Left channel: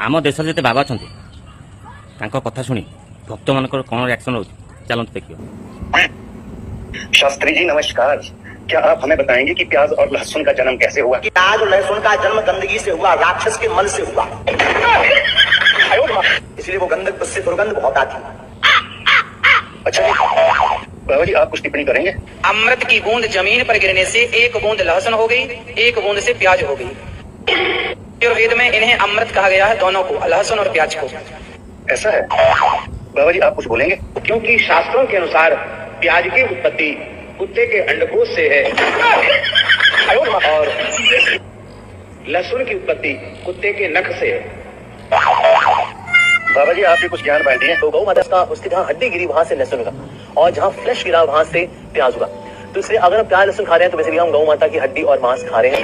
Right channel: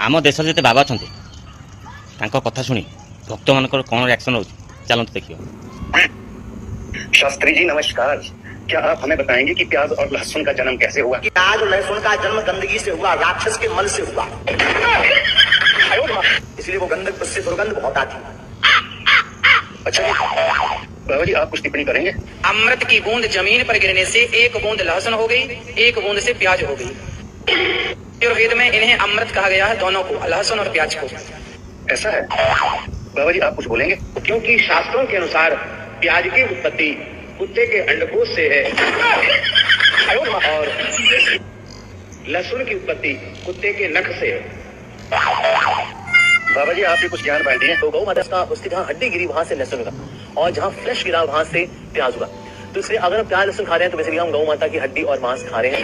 आम देश जिते बाबा अच्छा कथा शुणी भक्त मान कौन रिएक्शन हो चलते देखिए। शास्त्री जी नमस्कार। क्या आप हमें बताएंगे कि प्याज और लहसुन का जन्म कैसे हुआ? प्याज और लहसुन का जन्म गंदगी से हुआ, राक्षस के मल से हुआ। इसलिए वो गंधक उससे दुर्गंध बहुत आती। अच्छा जी, बाबा जी आप कुछ टिप्पणी करेंगे? अमृत की बूंद जमीन पर गिरने से एक बूंद लहसुन हो गई, एक बूंद से प्याज हो गई। आयुर्वेद में इन्हें अमृत कहा गया है, दोनों को, लहसुन और प्याज को। ऐसा है बाबा जी, आप कुछ बोलेंगे? क्योंकि शास्त्रों के अनुसार प्याज की उत्पत्ति कुत्ते के अंडकोश से है और लहसुन की उत्पत्ति कुत्ते के नख से है। बाबा जी आप भी कुछ ज्ञान बांटिए। तो गौ माता का उसकी जहाँ हड्डी गिरी वहां से लहसुन हुआ और जहाँ फ्लैश गिरा वहां से प्याज हुआ। तो इसलिए अगर हम प्याज लहसुन खा रहे हैं तो बेसिकली हम गौ माता की हड्डी और मांस खा रहे हैं।